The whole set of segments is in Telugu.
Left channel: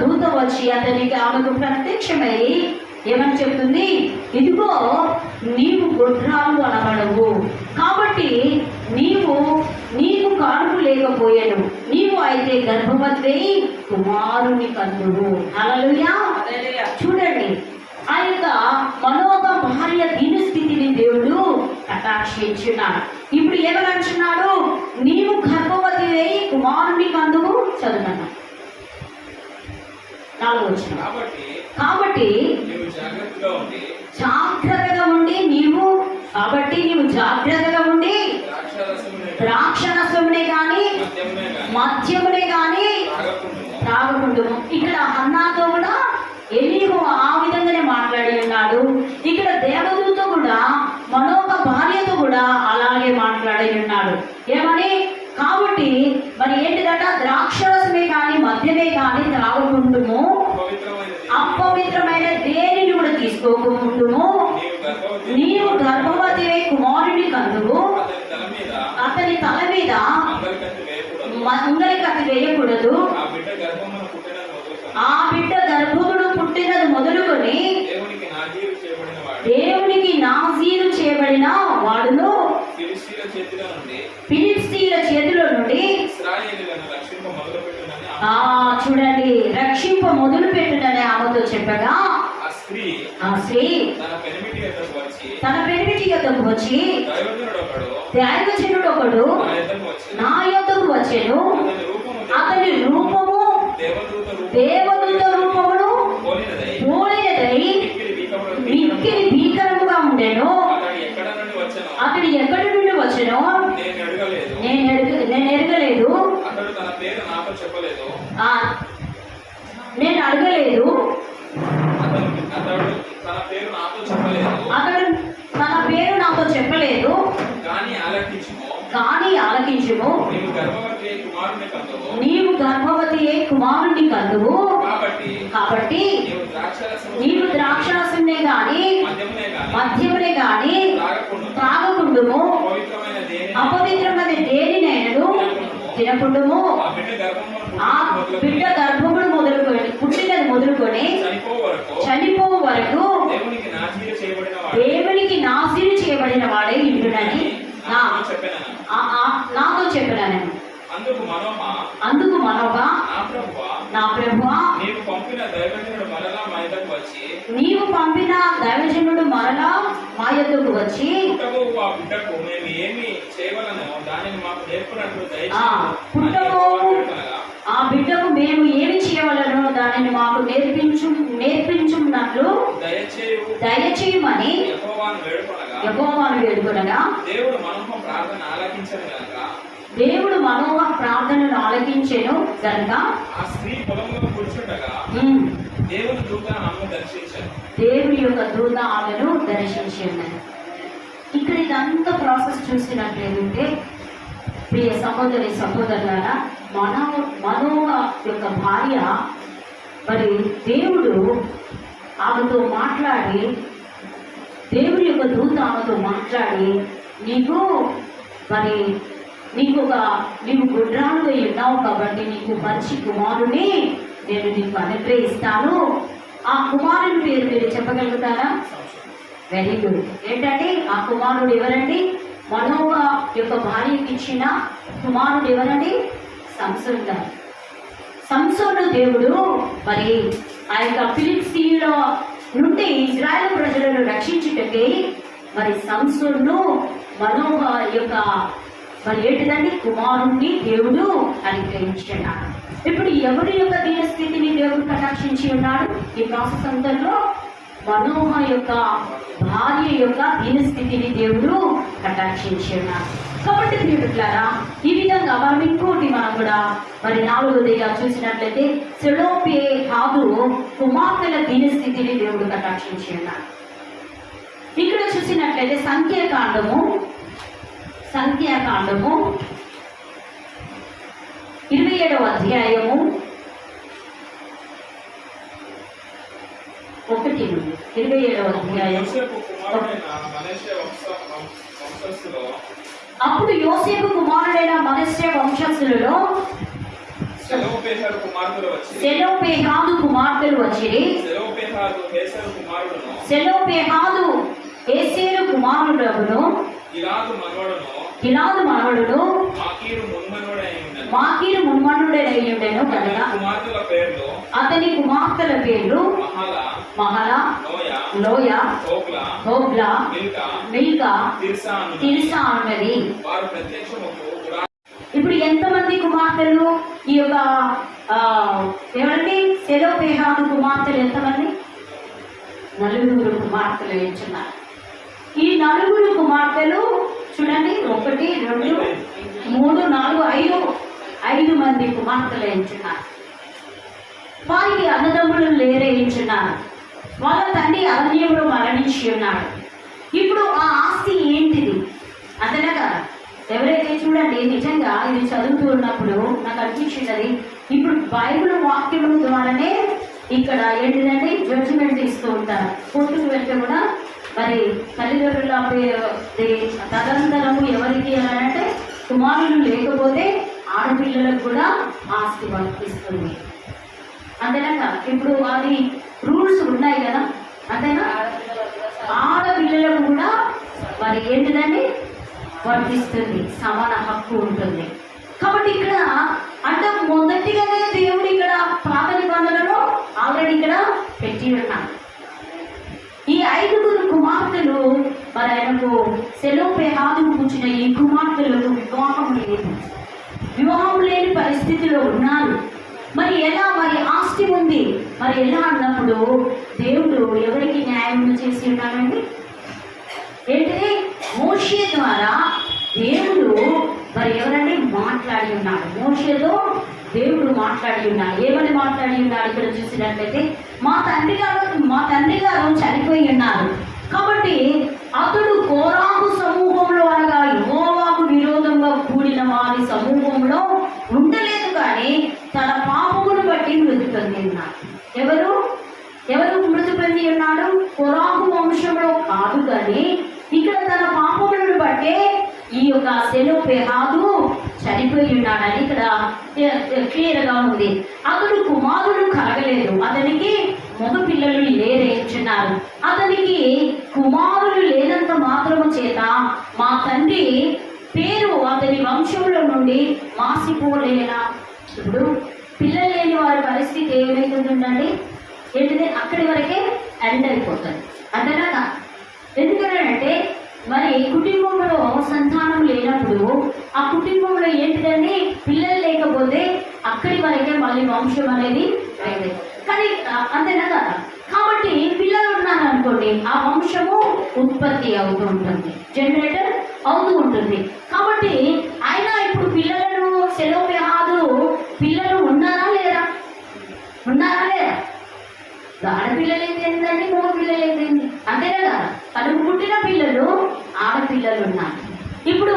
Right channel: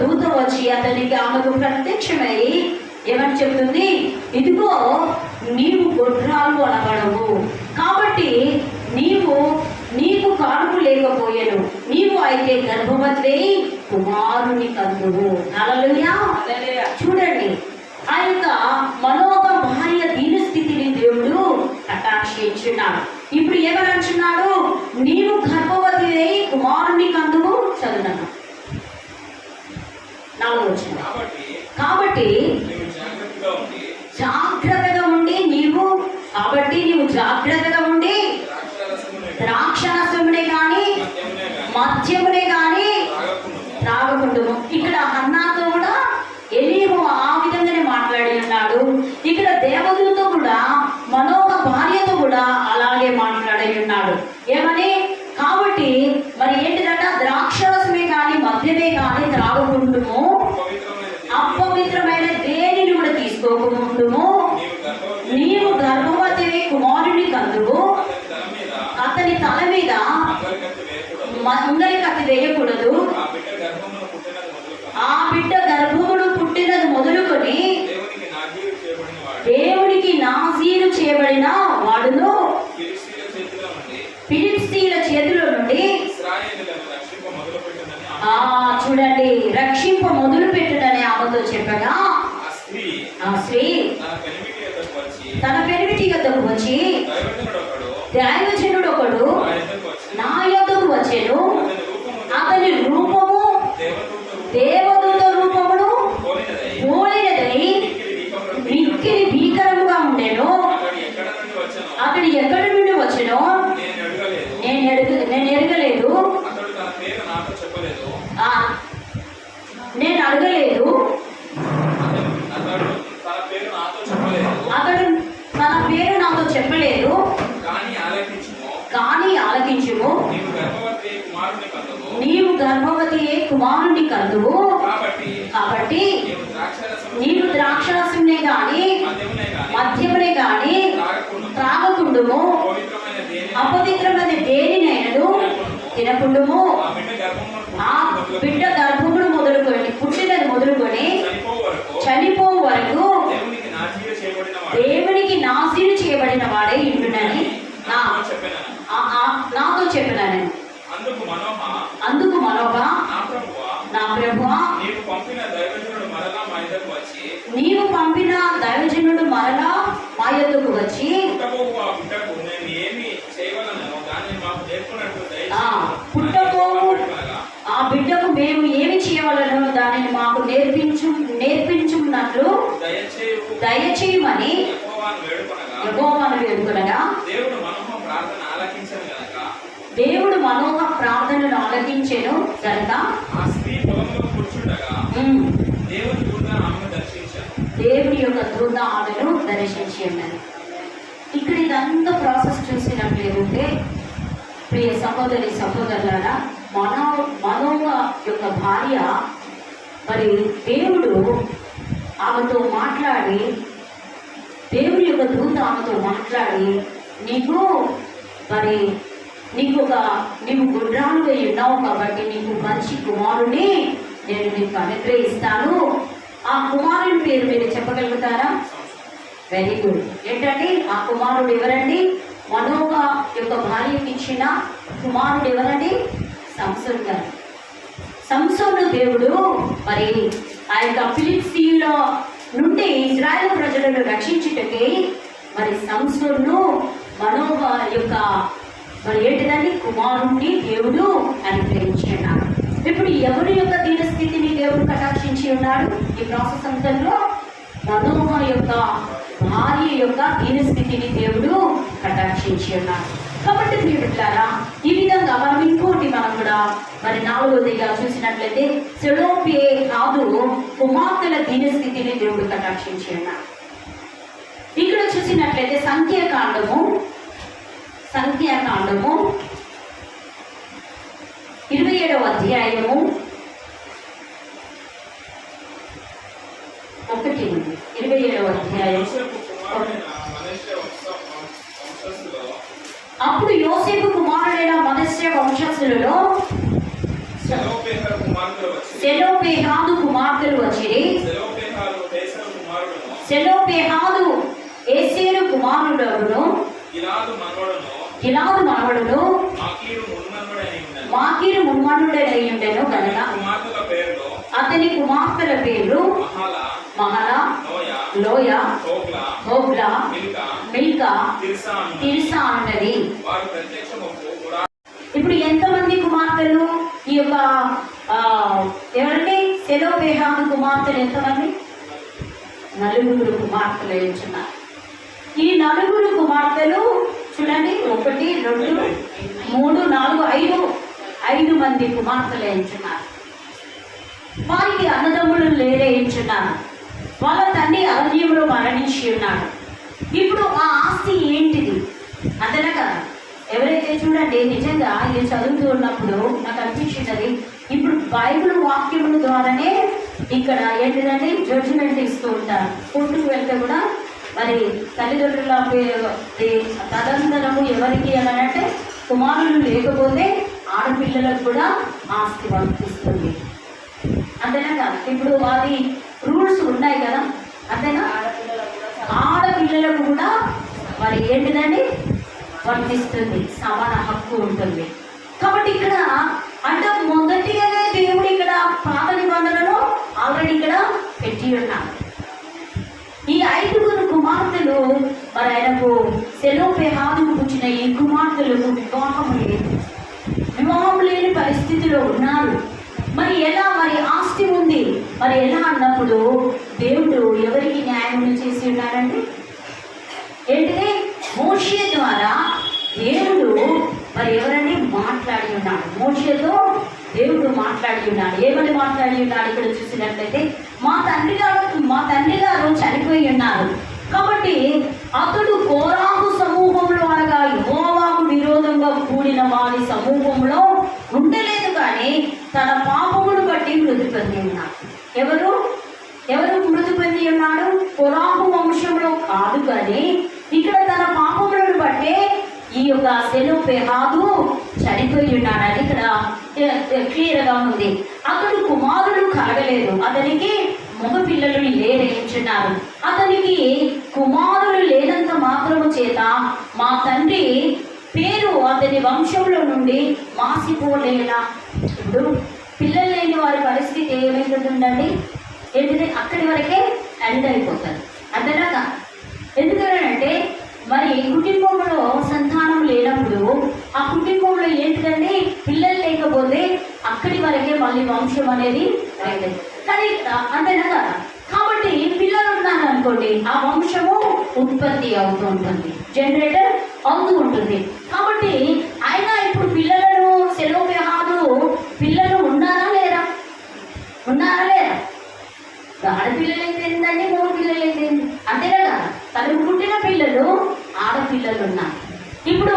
దూత వచ్చి అతనికి ఆమెకు ప్రత్యక్షమై ఏమని చెప్తుంది, ఇదిగో నీవు గొడ్రాలు అనబడవు, కాబట్టి నీకు కానుక లేకపోయాను, నీవు అయితే గర్భవతి కుమారుని కందువు. హల్లెలూయా. చూడండి, ఆ యొక్క మనోగ భార్య దీన స్థితిని దేవుడు కటాక్షించున్నాడు. ఇప్పుడు ఏమని అంటున్నాడు, నీవు గర్భవతి అయి కుమారుని కందువు. చదువున్నాను 4వ వచనం. కాబట్టి జాగ్రత్తగా ఉండి నీవు జాగ్రత్తగా ఉండి ద్రాక్షరసమునే కానీ మద్యమునే కానీ త్రాగకుండుము. ఇక్కడ హన్నాతో కూడా ఎలీహు ఆ విధంగానే మాట్లాడి ఉన్నాడు. ఇక్కడ దేవదూత కూడా మనోక భార్యతో కూడా అలాగే మాట్లాడి ఉన్నాడు. ఏమని, కాబట్టి మరి ఏంటిదట, ద్రాక్షరసమే కానీ మద్యమే కానీ త్రాగకుండుము, అపవిత్రమైన దేనిని కూడా తీసుకోకుండుము, నీవు గర్భవతి కుమారుని కందువు, అతని తల మీద మంగలి కత్తి వేయకూడదు, ఆ బిడ్డ గర్భమును పుట్టినది మొదలుకొని దేవునికి నాజీరు చేయబడిన వాడును ఫిలిష్తీయుల చేతిలో నుండి చూడండి రక్షింప మొదలు పెట్టునని ఆమెతో చెప్పగా, ఆ స్త్రీ తన పెనిమిటి యొద్దకు వచ్చి, దైవజనుడు ఒకడు నా యొద్దకు వచ్చెను, అతని రూపము దేవదూత రూపమును పోలినదై మిక్కిలి భీకరముగా ఉండెను, అతడు ఎక్కడి నుండి వచ్చెనో నేను ఎరగలేదు, నేను అడగలేదు, అతడు తన పేరు నాతో చెప్పలేదు, కానీ ఆలకించుము, నీవు గర్భవతి కుమారుని కందువు, కాబట్టి నీవు ద్రాక్షరసమునే గాని మద్యమునే గాని త్రాగకుండుము, అపవిత్రమైన దేనినైనను తినకుండుము, ఆ బిడ్డ గర్భమును మొదలుకొని పుట్టినది మొదలుకొని చనిపోవు వరకు దేవునికి నాజీరు చేయబడిన వాడే ఇండునని నాతో చెప్పినాను. అందుకు మనోహ, నా ప్రభువా, నీవు పంపిన దైవజనుడు మరలా మా యొద్దకు వచ్చి పుట్టబోవు ఆ బిడ్డకు మేము ఏమి చేయవలనో దానిని మాకు నేర్పించున్నట్లు దయచేయమని యెహోవాను వేడుకొనగా, దేవుడు మనోహ ప్రార్థనను ఆలకించెను గనుక దేవుని యొక్క దూత ఆమెను దర్శించి ఉన్నది. ఇక్కడ ఇదంతా ప్రాసెస్ చూసినట్లేదంటే ప్రియ సహోదరి సహోదరులారా, మనోహ యొక్క భార్య మరి దేవుడు ఆమెతో మాట్లాడి, దేవుని యొక్క దూత ఆమెతో మాట్లాడి, నీవు గుడ్రాలు అయి ఉన్నావు కాబట్టి నీకు మంచి కుమారుని నేను నీకు అనుగ్రహిస్తాను. ఆ కుమారుని పేరు మీరు చెప్పగలుగుతారా? Very good. ఏంటంటే ఆ కుమారుడు ఎవరండి? మనోహ యొక్క భార్యకి ఇచ్చిన కుమారుడు ఎవరండి? సంసోను గారు. సంసోను దేవుడు మరి ఆ యొక్క ఫిలిష్తీయుల నుండి ఇజ్రాయెల్ ప్రజలను రక్షించుటకే మరి సంసోను మనోహ యొక్క మరి ఏంటిదండి కుమారుణ్ణి దేవుడు అనుగ్రహించున్నాడు. ఇప్పుడు ఎవరి యొక్క దీన స్థితిని దేవుడు కటాక్షించి ఉన్నాడు? ఈ ప్రాసెస్ అంతలో మనోహ యొక్క భార్య యొక్క దీన స్థితిని దేవుడు కటాక్షించి ఉన్నాడు. కాబట్టి ప్రియులారా, ఈ విధంగా మనం ఇంకోటి మనం కూడా మరి 4వదిగా చూసినట్లయితే సెలోపేహాదు కుమార్తెల దీన స్థితిని దేవుడు కటాక్షించి ఉన్నాడు. ఇక్కడ చూసినట్లయితే సంఖ్యాకాండము 27వ అధ్యాయము 1 నుండి 27వ అధ్యాయం. అప్పుడు యోసేపు కుమారుడైన మనష్షే వంశస్థులలో సెలోపెహాదు కుమార్తెలు వచ్చిరి. సెలోపెహాదు ఏసేరు కుమారుడగును, గిలాదు మనవడును, మాకీరు మున్మనుడై ఉండెను కనుక అతని కుమార్తెల పేర్లు మహలా, లోయ, హోగ్లా, మిల్కా, తిర్సా అన్నది. ఇప్పుడు ఎంతమంది కుమార్తెలు ఈ యొక్క ఎవరండి సెలోపెహాదు కుమార్తెలు ఎంతమంది? 9 కుమార్తెలు ఎంచున్నారు. ఈ 9 కుమార్తెలు చూడండి, 1 2 3 4 5 మంది కుమార్తెలు ఎంచున్నారు. వారికి అన్నదమ్ములు లేరే ఎంచున్నారు. వాళ్ళ తండ్రి అరణ్యంలో మరణించి ఉన్నాడు. ఇప్పుడు ఆ ఆస్తి ఏంటిది అదనగా ఎవరైతే చూడండి, నిజంగా ఇది చదువుతూ ఉన్నప్పుడు నాకు అనిపించినది, ఇప్పుడు బైబిల్ వాక్యముల ద్వారానే ఇక్కడ ఏంటిదంటే జడ్జిమెంట్ ఇస్తూ ఉంటారు. కోర్టుకు వెళ్తే కూడా మరి తల్లిదండ్రుల తదనంతరము ఎవరికి అని అంటే కుమారులు లేకపోతే ఆడపిల్లలకు కూడా ఆస్తి వర్తిస్తుంది. అంతేనా కదా? ఇప్పుడు అది రూల్స్ ఉన్నాయి కదా, అంతేనా? ఆడపిల్లలకు కూడా మరి ఏంటిదండి వర్తిస్తుంది, సమాన హక్కు ఉంటుంది. కాబట్టి ఇక్కడ అంటే మొదటిగానే దేవుడు ఇక్కడ పాత నిబంధనలో ఆల్రెడీ ఇక్కడ పెట్టి ఉన్నాడు. ఈ 5 కుమార్తెలు మరి ఆయనకు సెలోపెహాదుకు పుట్టిన ఈ కుమార్తెలకు వివాహం లేని పరిస్థితిలో ఉన్నారు. మరి ఎలా, మరి ఆస్తి ఉంది, మరి ఎలా అన్నప్పుడు దేవుడు ఎవరికి న్యాయం చేసి ఉన్నాడండి? ఏంటిది? మోషే ద్వారా దేవుడు మరి ఎవరని మాట్లాడి ఉన్నాడు. మోషేతో దేవుడు మాట్లాడి ఉన్నాడు. ఏమని మాట్లాడి ఉన్నాడు? ఇక్కడ చూసినట్లయితే మా తండ్రి గారు చనిపోయి ఉన్నారు కాబట్టి అతడు కోరాహు సమూహంలో అనగా యెహోవాకు విరోధంగా కూడిన వారి సమూహంలో ఉండలేదు, కానీ తన పాపమును బట్టి మృతి పొంది ఉన్నాడు. ఎవరు మృతి పొంది ఉన్నాడు? కోరాహు వంశంలో కాదు, కానీ ఇక్కడ తన పాపములను బట్టే ఈ యొక్క సెలోపెహాదు చనిపోయి ఉన్నాడని ఇక్కడ క్లియర్గా ఉంది. అతడు కుమారుడు కలగలేదు, అతనికి మగ పిల్లలు లేరేంచున్నారు. అతనికి కుమారులు లేనంత మాత్రము చేత మా తండ్రి పేరు అతని వంశంలో నుండి మాసిపోలేలా. ఇప్పుడు పిల్లలు లేని వారి పరిస్థితి ఏమైతుందండి? ఏంటిది? అక్కడి వరకే ఎండ్ అయిపోతుంది. అంతేనా? ఎందుకంటే మరి కుటుంబంలో సంతానం లేనప్పుడు ఆ కుటుంబంలో ఏంటిదండి, పిల్లలు లేకపోతే అక్కడి వరకే మళ్ళీ వంశం అనేది కానీ అంతేనా కదా? కాబట్టి పిల్లలు ఉన్నారు అనుకోండి, ఆ వంశము ఉత్పత్తి అవుతూ ఉంటుంది, జనరేటర్ అవుతూ ఉంటుంది. కాబట్టి ఆయన ఇప్పుడు పిల్లలను సెలోపెహాదు పిల్లలు ఉన్నారా లేరా? ఆడపిల్లలు అయితే ఏంటండి, మగ పిల్లలు అయితే అంతేనా కదా? తనకు పుట్టిన పిల్లలు ఆడపిల్లలు ఉన్నారు. ఇప్పుడు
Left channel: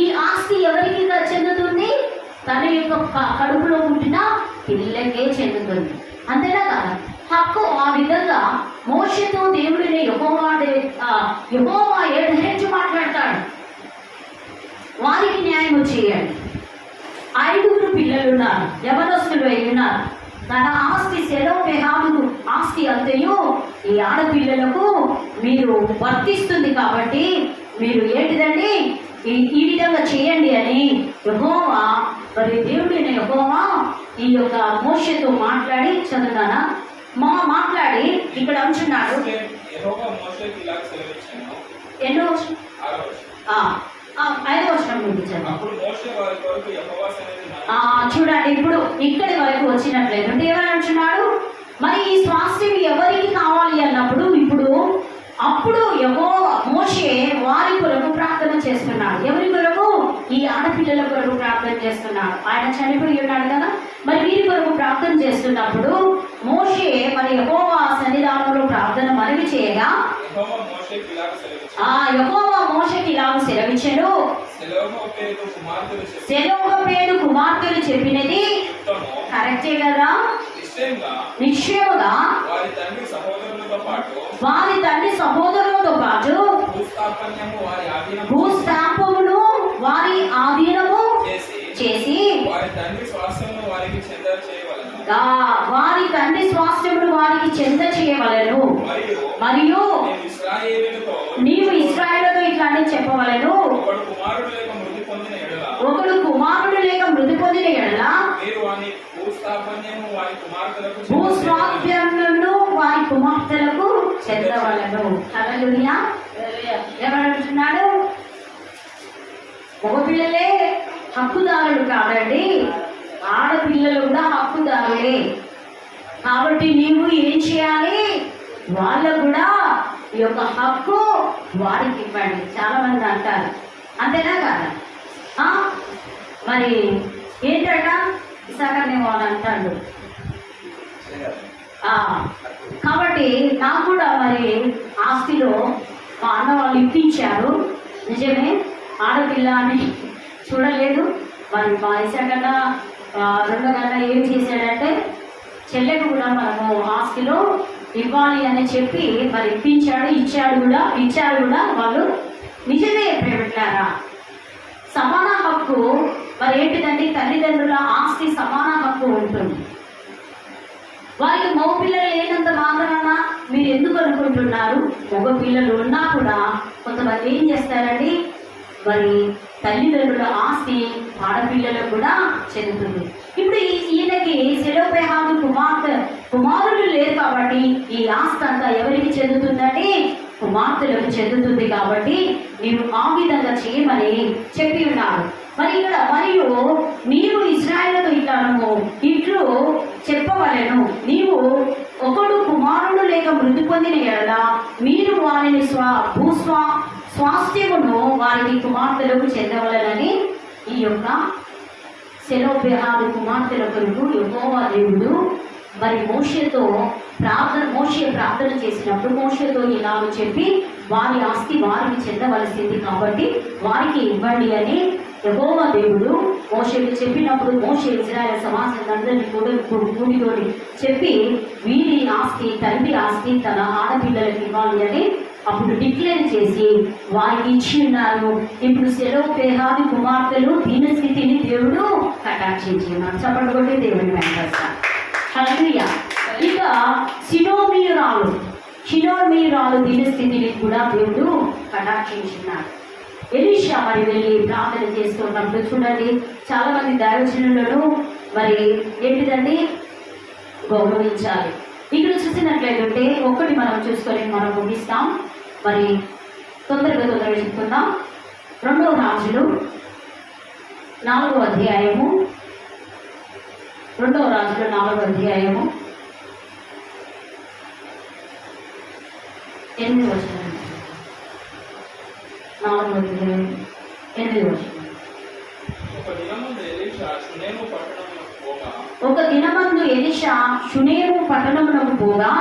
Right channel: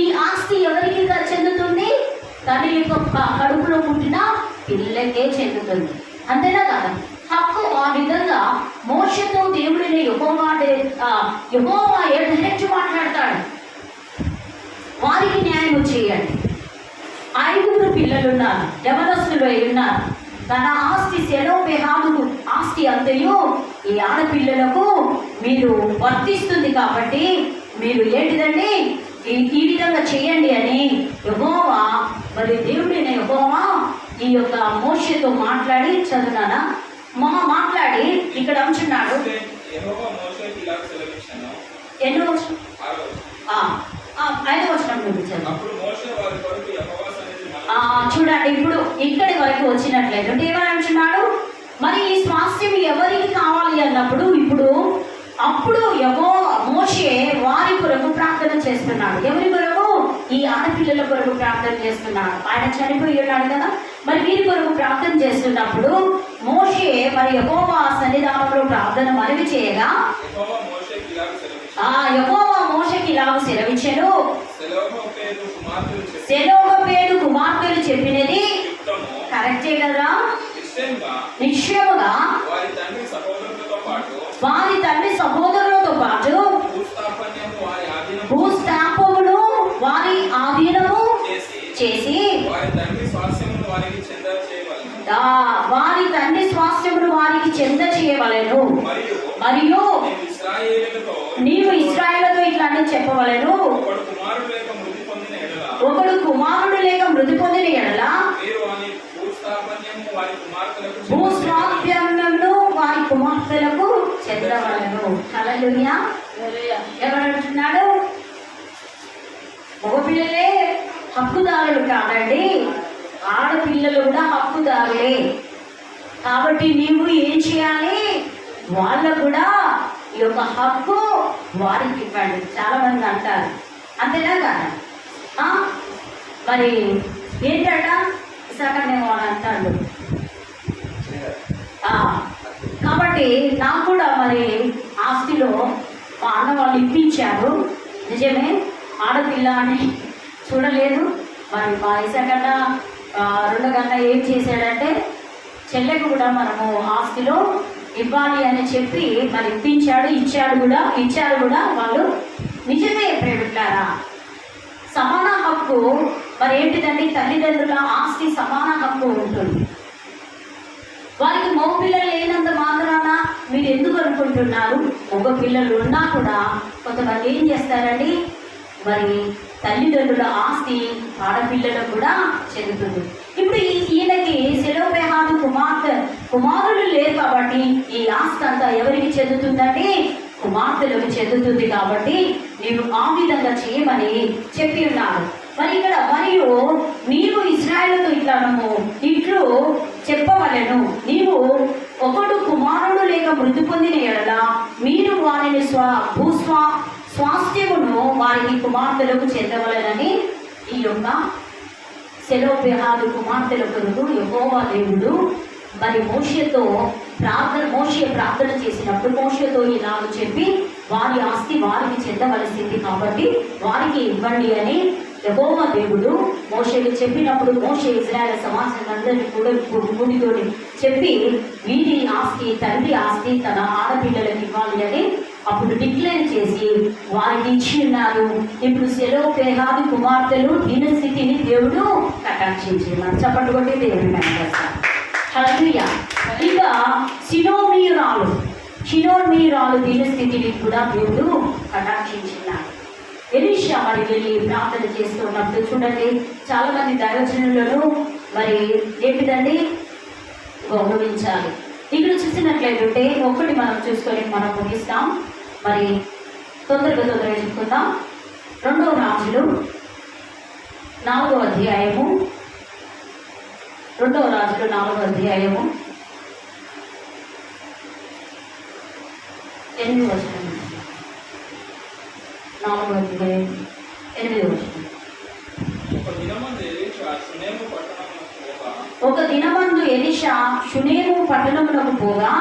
ఈ ఆస్తి ఎవరికి చెందుతుంది? తన యొక్క కడుపులో పుట్టిన పిల్లలకే చెందుతుంది. అంతేనా కదా? హక్కు ఆ విధంగా మోషేతో దేవుడిని యెహోవా ఎడతెరిచి మాట్లాడతాడు, వారికి న్యాయం చేయండి. 5 పిల్లలు ఉన్నారు, యవనస్తులు ఉన్నారు. తన ఆస్తి సెలోపెహాదు ఆస్తి అంతయు ఈ ఆడపిల్లలకు మీరు వర్తిస్తుంది కాబట్టి మీరు ఏంటిదండి ఈ విధంగా చేయండి అని యెహోవా మరి దేవుడైన యెహోవా ఈ యొక్క మోషేతో మాట్లాడి చదువుతానా మాట్లాడి ఇక్కడ అంటున్నాడు. ఎన్నో 5వ వచనం చూడండి. ఇప్పుడు ఇక్కడి వరకు వచ్చినట్లయితే ఏమని అంటున్నాడు? మరి ఈ స్వాస్థ్యం ఎవరికి కావాలి అన్నప్పుడు అప్పుడు మోషే వారి కొరకు ప్రార్థన చేస్తున్నాడు. ఎవరి కొరకు? ఈ ఆడపిల్లల కొరకు ప్రార్థన చేస్తున్నాడు. ఆయన చనిపోయి ఉన్నాడు కదా, మరి వీరి కొరకు ప్రార్థన చేస్తున్నప్పుడు మోషే మరి యెహోవా సన్నిధానంలో ప్రార్థన మనవి చేయగా యెహోవా మోషేకి ఇలాగ సెలవిచ్చెను, సెలోపెహాదు కుమార్తెలు చెప్పినది కరెక్టే కదా? నిశ్చయముగా వారి తండ్రి సహోదరులతో పాటు భూస్థాపమును వారి ఆధీనము చేసి చెంద చేయవలెను. మరియు నీవు ఇశ్రాయేలుతో ఇట్లానే చెప్పవలెను, ఒకడు కుమారుడు లేక మృతి పొందిన ఎడల భూస్వాస్థ్యమును వారి కుమార్తెలకు చెందవలెను. హల్లెలూయా. ఎవరంటున్నాడు? మగపిల్లలే హక్కుదారులు కాదండి, ఆడపిల్లలు కూడా హక్కుదారులే. కాబట్టి నీవు ఏం చేయాలి? వాళ్ళకు కూడా ఈ యొక్క హక్కు వారికి ఇవ్వండి. చాలా మంది అంటారు, అంతేనా కదా? మరి ఏంటంట ఇసాకనే వాళ్ళు అంటారు. కాబట్టి నాకు కూడా మరి ఆస్తిలో మా అన్న వాళ్ళు ఇప్పించారు. నిజమే, ఆడపిల్ల అని చూడలేదు. మరి మా ఇసాకన్నా రెండో కన్నా ఏం చేశాడంటే చెల్లెకు కూడా మనము ఆస్తిలో ఇవ్వాలి అని చెప్పి మరి ఇప్పించాడు, ఇచ్చారు కూడా వాళ్ళు. నిజమే ప్రేమిట్లారా, సమాన హక్కు మరి ఏంటిదండి? తల్లిదండ్రుల ఆస్తి సమాన హక్కు ఉంటుంది. వారికి మగ పిల్లలు లేనంత మాత్రాన మీరు ఎందుకు అనుకుంటున్నారు? మగ పిల్లలు ఉన్నా కూడా కొంతమంది ఏం చేస్తారండి, మరి తల్లిదండ్రుల ఆస్తి ఆడపిల్లలకు కూడా చెందుతుంది. ఇప్పుడు ఈయనకి సెలోపెహాదు కుమారులు లేరు కాబట్టి ఈ ఆస్తి అంతా ఎవరికి చెందుతుందండి? కుమార్తెలకు చెందుతుంది. కాబట్టి నీవు ఆ విధంగా చేయమని చెప్పి ఉన్నారు. మరి ఇక్కడ మరియు నీవు ఇశ్రాయేలుతో ఇట్లు చెప్పవలెను, నీవు ఒకడు కుమారుడు లేక మృతి పొందిన ఎడల మీరు వారిని స్వాస్థ్యమును వారిని కుమార్తెలకు చెందవలెనని ఈ యొక్క సెలోపెహాదు కుమార్తెల కొరకు యెహోవా దేవుడు మరి మోషే ప్రార్థన చేసినప్పుడు మోషేతో ఇలాగ చెప్పి వారి ఆస్తి వారికి చెందవలసింది కాబట్టి వారికి ఇవ్వండి అని యెహోవా దేవుడు మోషేకి చెప్పినప్పుడు మోషే ఇశ్రాయేలు సమాజాలందరినీ కూడా కూడితోని చెప్పి వీరి ఆస్తి తండ్రి ఆస్తి తన ఆడపిల్లలకు ఇవ్వాలి అని అప్పుడు డిక్లేర్ చేసి వారికి ఇచ్చి ఉన్నారు. ఇప్పుడు సెలోపెహాదు కుమార్తెలు దీనస్థితిని దేవుడు కటాక్షించినారు. చప్పట్లు కొట్టి దేవుడిని కనపరుస్తారు. హల్లెలూయా. ఇక షినోమీయురాలు దీనస్థితిని కూడా దేవుడు కటాక్షించినాడు. ఎలీషా మరి వెళ్ళి ప్రార్థన చేస్తున్నప్పుడు చూడండి, చాలా మంది దైవజనులను మరి ఏంటిదండి గౌరవించాలి. ఇక్కడ చూసినట్లయితే ఒకటి మనం చూసుకొని మనం ముగిస్తాం. మరి తొందరగా చెప్పుకుందాం. 2వ రాజులు 4వ అధ్యాయము 2వ రాజులు 4వ అధ్యాయము 8వ వచనం. 4వ అధ్యాయం 8వ వచనం. ఒక దినమందు ఎలీషా షునేము పట్టణమునకు పోగా